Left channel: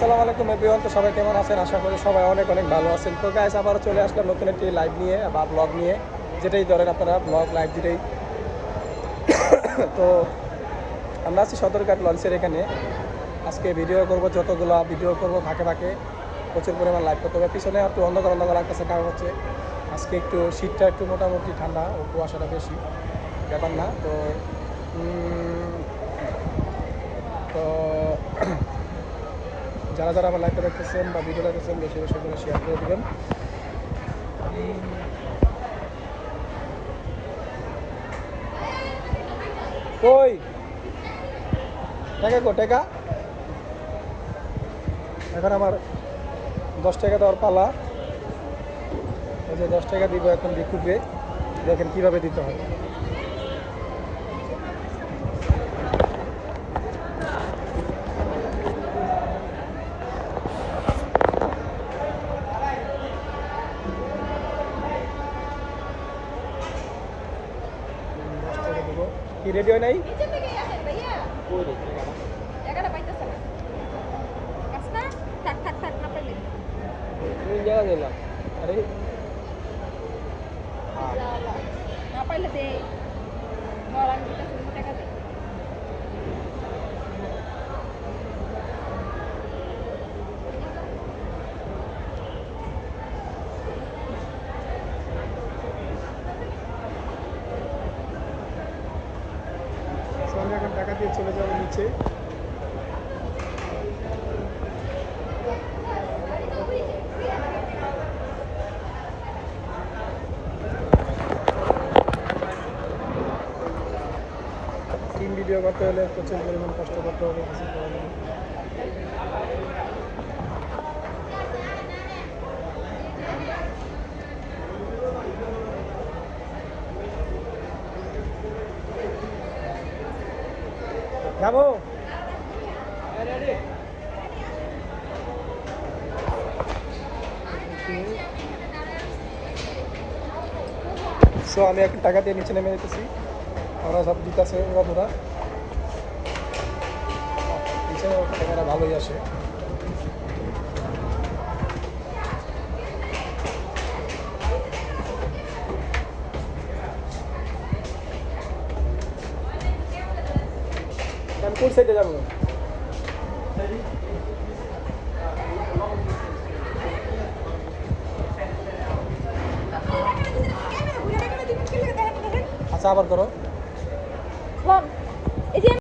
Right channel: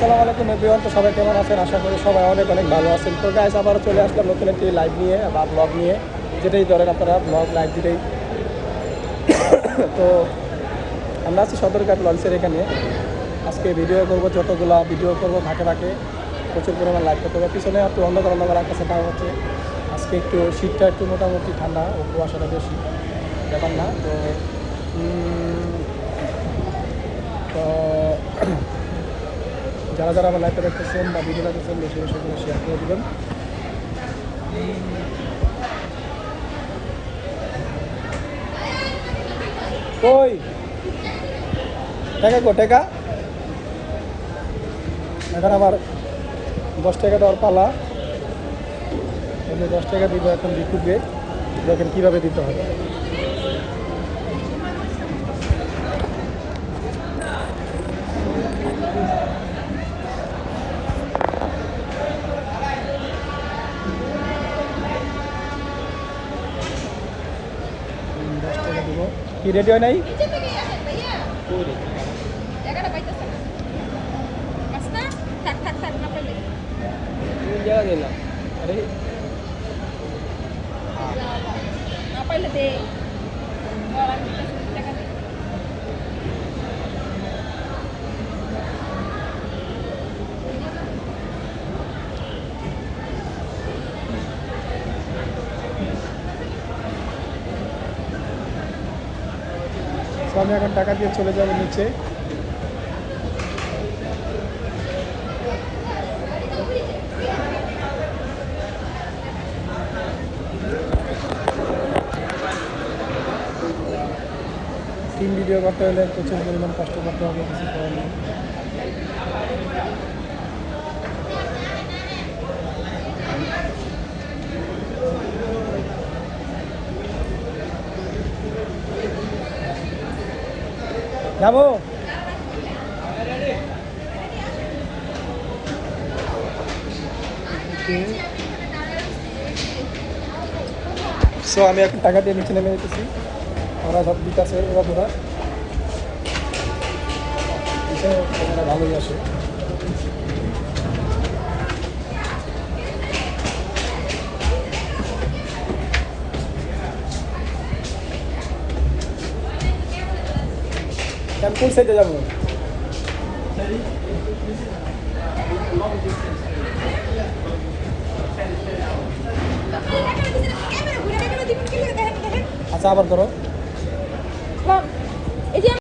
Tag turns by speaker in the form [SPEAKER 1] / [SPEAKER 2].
[SPEAKER 1] আসসালামু আলাইকুম এভরিওয়ান, তো সবাই কেমন আছেন? আশা করি সবাই অনেক অনেক ভালো আছেন। তো গাইস আবার চলে আসলাম নতুন একটি লাইভ নিয়ে বা ব্লগ নিয়ে, যেটাই ধরেন আপনারা ব্লগ লাইভ যেটাই। তো আমরা আছি সদরঘাট লঞ্চের এখানে। আজকে ভিডিও করব, যতগুলো ভিডিও করব ফাঁকে ফাঁকে, প্রচুর পরিমাণ লাইভ করতে হবে। পিছনে একটু অন্ধকার অন্ধকার আকাশে কারণ হচ্ছে আজকে একটু শীতটা একটু মোটামুটি ঠান্ডা ও কুয়াশাটা বেশি, ব্যাপার না। তো তো যারা যারা আমার লাইভটা দেখতেছেন বা ভিডিও দেখতেছেন, বেশি বেশি করে শেয়ার করে দেবেন। টাকা এখন আমার দশ টাকা দেওয়ার পালা। দশ টাকা দিব এখন বিকুবে দেখেন কীভাবে দিতে হয়। দশ টাকা দিব কি রেডি হয় নাই তো এখন টাকা দিয়ে চলে যাবে নিচে। টিম ভিডিও করতে হলে প্রচুর পরিমাণ কষ্ট করতে হবে, কিছু করার নেই। যাব। সো আমি এখন টাকা দিয়ে নিচে নেমে যেতেছি। ওরা সব দিতেছে, ওরা ধরা। ভালোই আসে। আমি কোন সাইডে যাব। আচ্ছা আবার ধরো।